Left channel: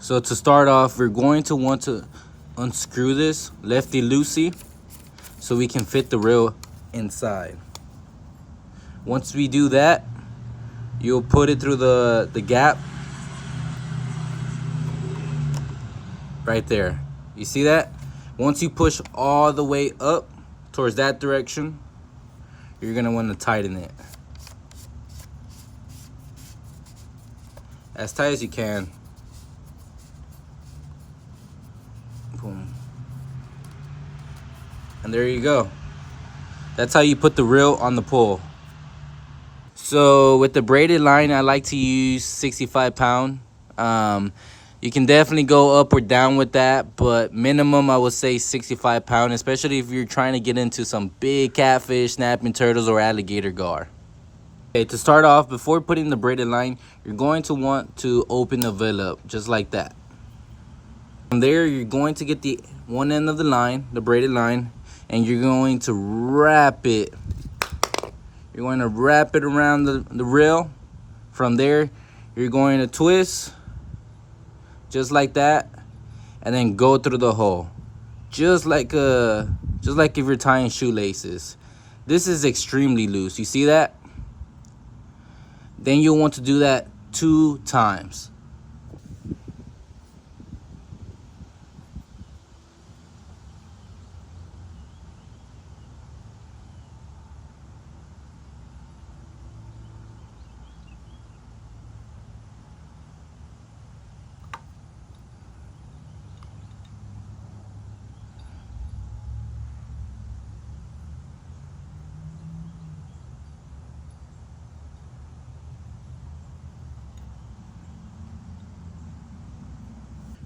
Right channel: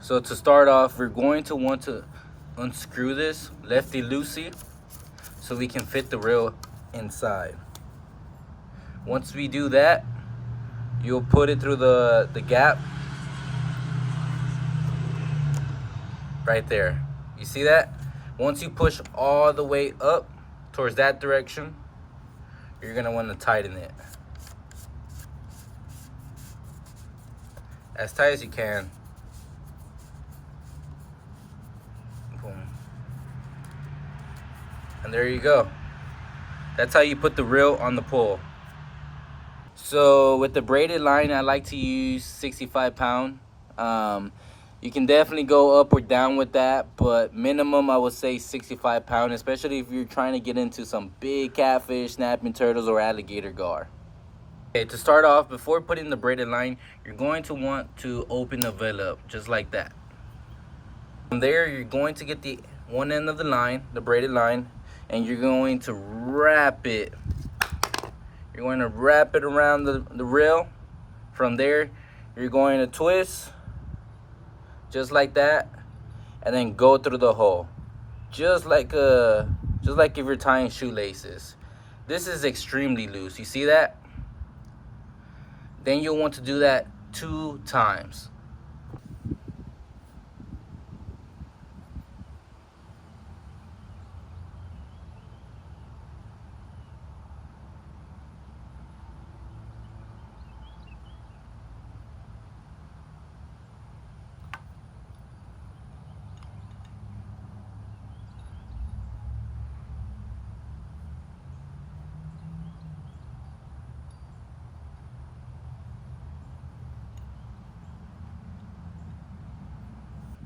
So to start off, we're going to want to unscrew this lefty-loosey so we can fit the reel inside. Once we do that, you'll put it through the gap right there. You see that? Once you push all the way up towards that direction, you're gonna want to tighten it as tight as you can. Boom. And there you go. That's how you put the reel on the pole. So with the braided line, I like to use 65 pound. You can definitely go up or down with that, but minimum I would say 65 pound, especially if you're trying to get into some big catfish, snapping turtles, or alligator gar. Okay, to start off, before putting the braided line, you're going to want to open the veil up, just like that. From there, you're going to get the one end of the line, the braided line, and you're going to wrap it. You're going to wrap it around the reel. From there, you're going to twist, just like that, and then go through the hole. Just like if you're tying shoelaces. This is extremely loose. You see that? Then you'll want to do that 2 times.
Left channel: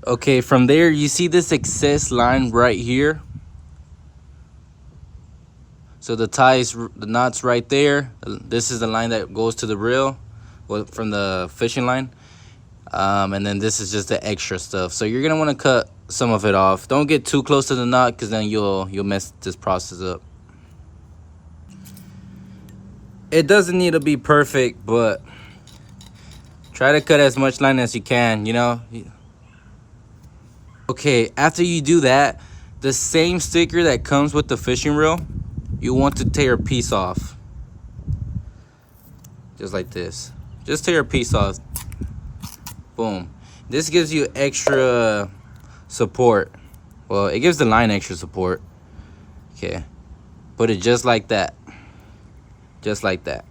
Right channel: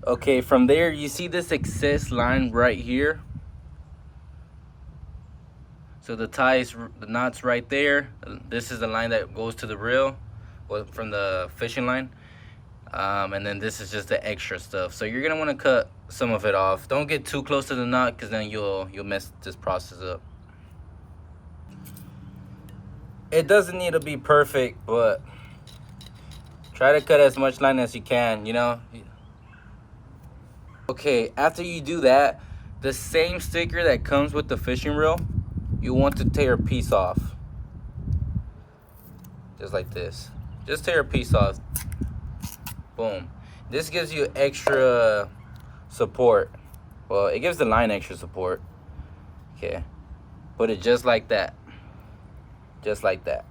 Okay, from there, you see this excess line right here. So the knot's right there. This is the line that goes to the reel from the fishing line. And then this is just the extra stuff. So you're gonna want to cut some of it off. Don't get too close to the knot, because then you'll mess this process up. It doesn't need to be perfect, but try to cut as much line as you can, you know. Okay, after you do that, the same sticker that comes with the fishing reel, you want to tear a piece off. Just like this. Just tear a piece off. Boom. This gives you extra support. Well, it gives the line extra support. Okay. Put it just like that. Just like that.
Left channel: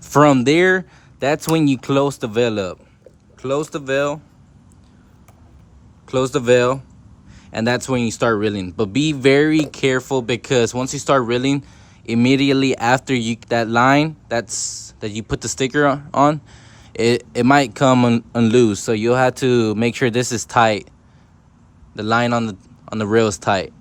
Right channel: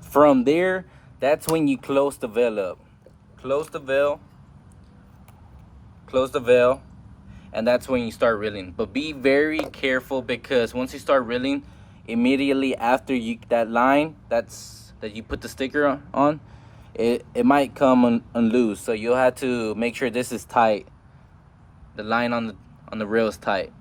From there, that's when you close the veil up. Close the veil. Close the veil. And that's when you start reeling. But be very careful, because once you start reeling, immediately after that line that you put the sticker on, it might come unloose. So you'll have to make sure this is tight. The line on the reel is tight.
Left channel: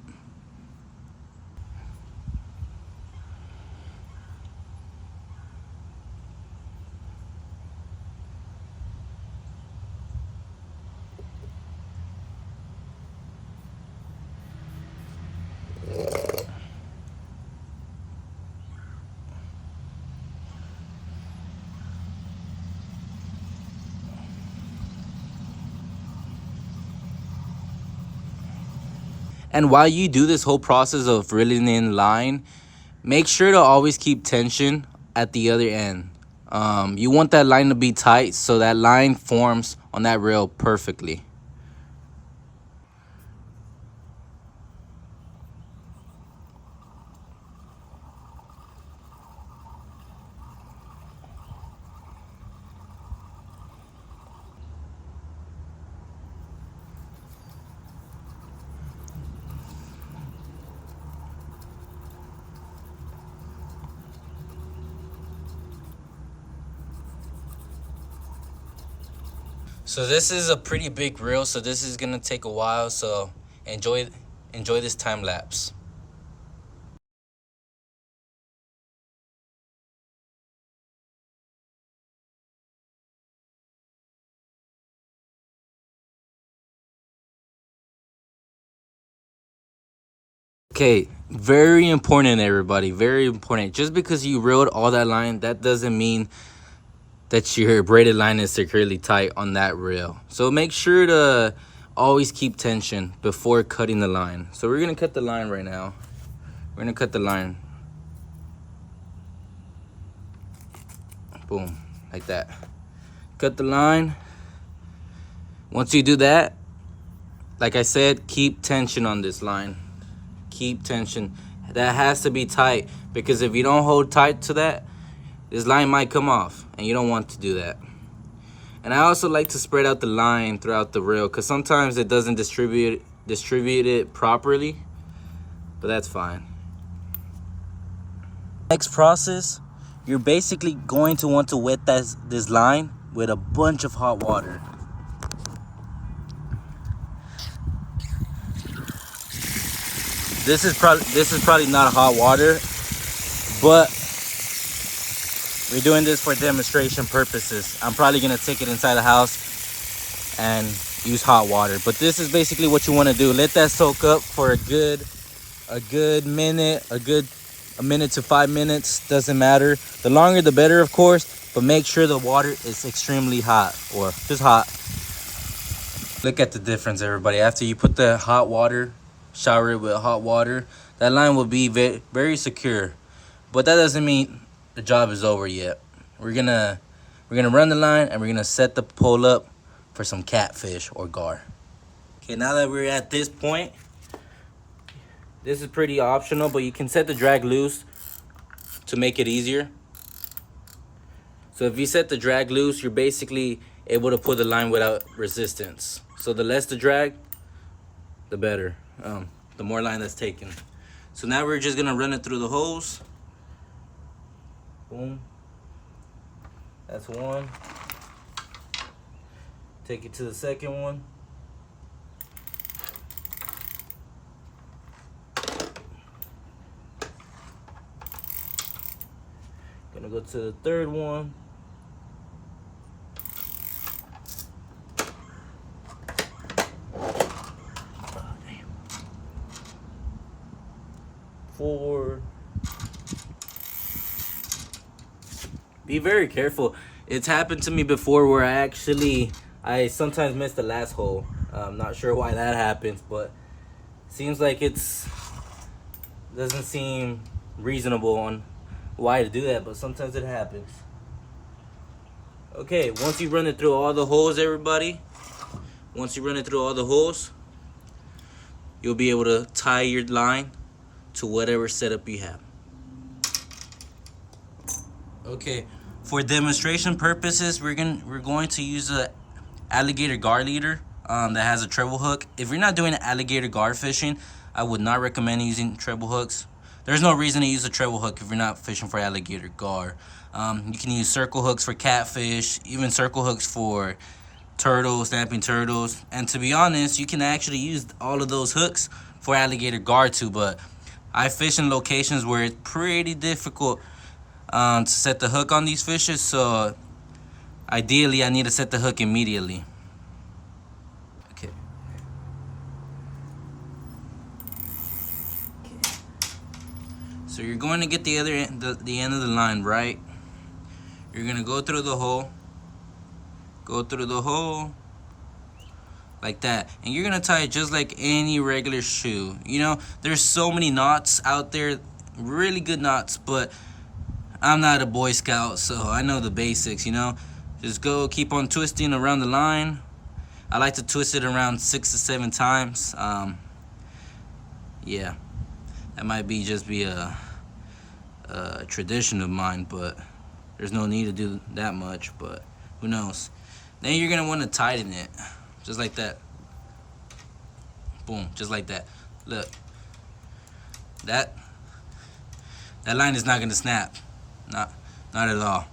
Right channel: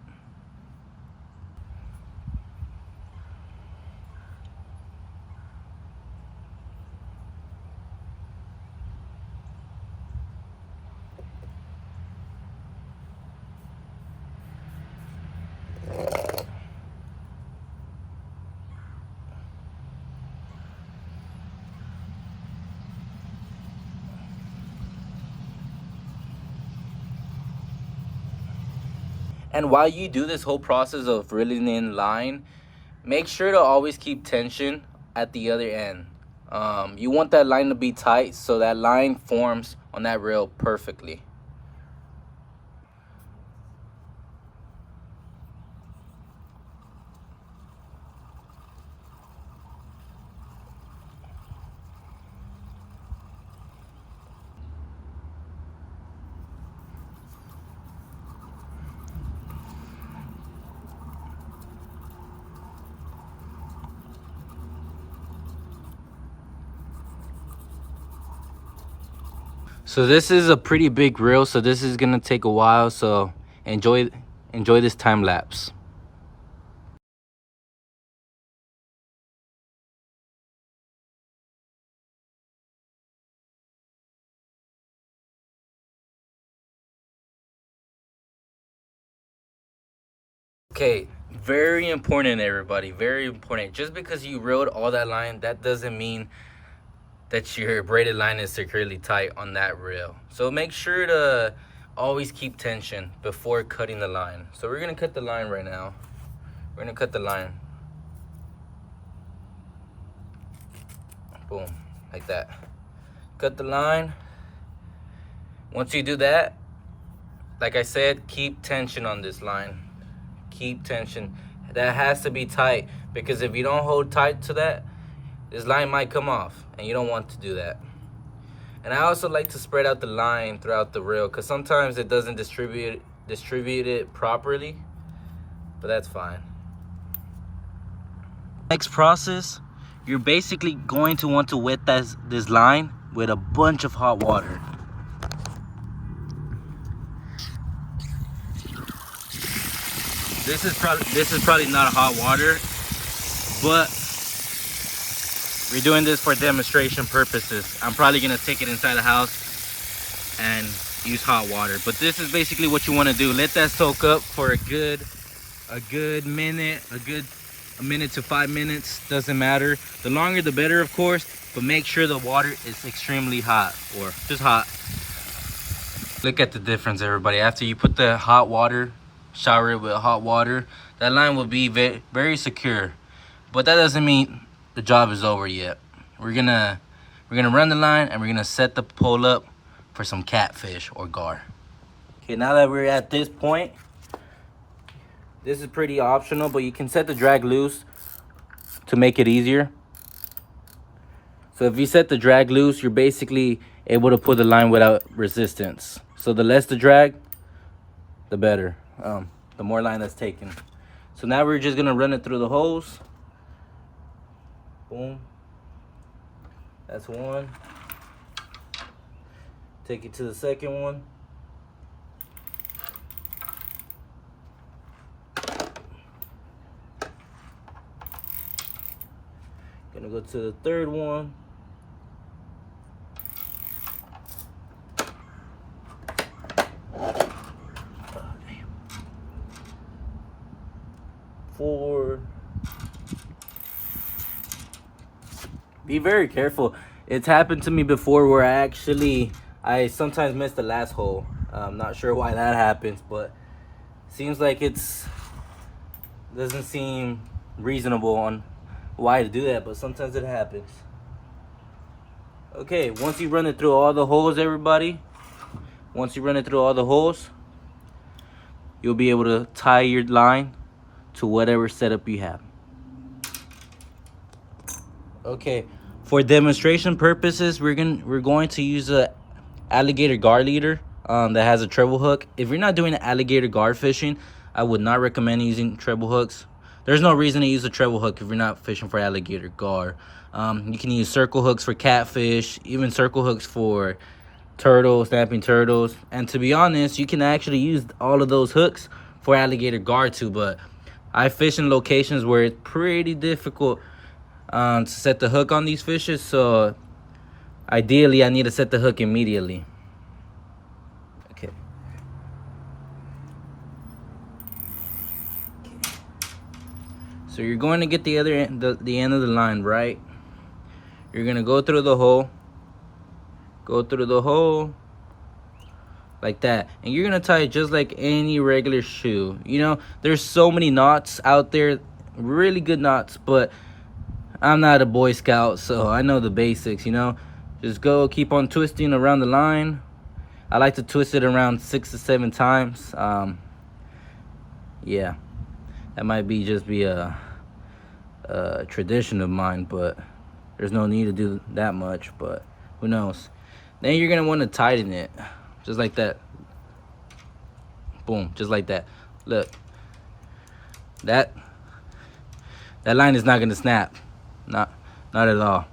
And while you do this whole process of reeling in line, make sure to always keep tension at the other end. You want that line to be tight so that line forms on that reel perfectly. So this is a pretty big reel, so this is gonna take a while, so enjoy this time lapse. Okay, very important, everybody, very important. Just because you reeled all that line, that doesn't mean that your braided line is securely tight on that reel. So make sure to always keep tension before cutting the line. So we're gonna cut the line right now. We're gonna cut the line. Boom, like that. Cut the line. Once you do that, like I said, keep tension on this line. Keep tension. That has to be tight, because if you don't hold tight to that, this line might come off, and you don't want to do that. And I also like to spread out the line throughout the reel, because sometimes it doesn't distribute it properly, but that's fine. Next process, you're basically going to want to wet this line with a bunch of hot water. This is probably not hot water, but we're doing this for demonstration purposes. I'm probably gonna take it inside the house and use hot water. But this is basically what you want to do. Let that soak up for a good minute, a minute to 5 minutes, doesn't matter. The longer the better, of course, but make sure the water is extremely hot, or just hot. Look at the difference, everybody. After you put the hot water, shower it with hot water, that line will be very, very secure. But that doesn't mean the job is over yet. We're gonna run the line, and we're gonna set the pole up for some catfish or gar. Okay, now that we're at this point, this is pretty optional, but you can set the drag loose to make it easier. So if you set the drag loose, you're basically able to pull the line without resistance. So the less the drag, the better. The more line that's taken. So now we're just gonna run it through the hose. Boom. That's one. Take it to the second one. Gonna go to the third one. Four. Be very careful. It's happened to me before where I sometimes miss the last hole. I'm not sure why that happens, but seems like doesn't seem reasonable on why to do that, but sometimes it happens. Okay, once you run it through all the holes, everybody, once you run it through all the holes, you'll be able to tie your line to whatever setup you have. Okay, for demonstration purposes, we're going to use a alligator gar leader that has a treble hook. If you're not doing alligator gar fishing, I would not recommend using treble hooks. There's no reason to use a treble hook if you're not fishing for alligator gar. You can use circle hooks for catfish, even circle hooks for turtles, snapping turtles. And to be honest, you can actually use all of those hooks for alligator gar too, but I fish in locations where it's pretty difficult to set the hook on these fishes, so ideally I need to set the hook immediately. Okay. So you're going to get the other end, the end of the line, right? You're gonna go through the hole, like that, and you're gonna tie it just like any regular shoe. You know, there's so many knots out there, really good knots, but I'm not a Boy Scout, so I know the basics, you know. Just keep on twisting around the line. I like to twist it around 6 to 7 times. Yeah, that might be a tradition of mine, but there's no need to do that much, but who knows. Then you're gonna want to tighten it, just like that. Boom, just like that. Look, that line is not gonna snap. Not at all.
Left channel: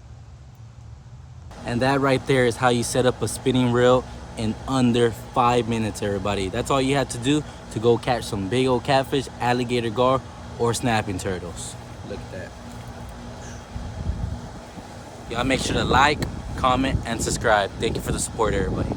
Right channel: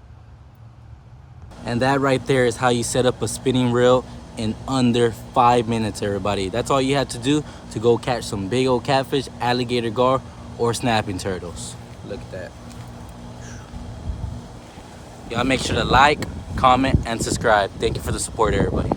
And that right there is how you set up a spinning reel in under 5 minutes, everybody. That's all you have to do to go catch some big old catfish, alligator gar, or snapping turtles. Look at that. Y'all make sure to like, comment, and subscribe. Thank you for the support, everybody.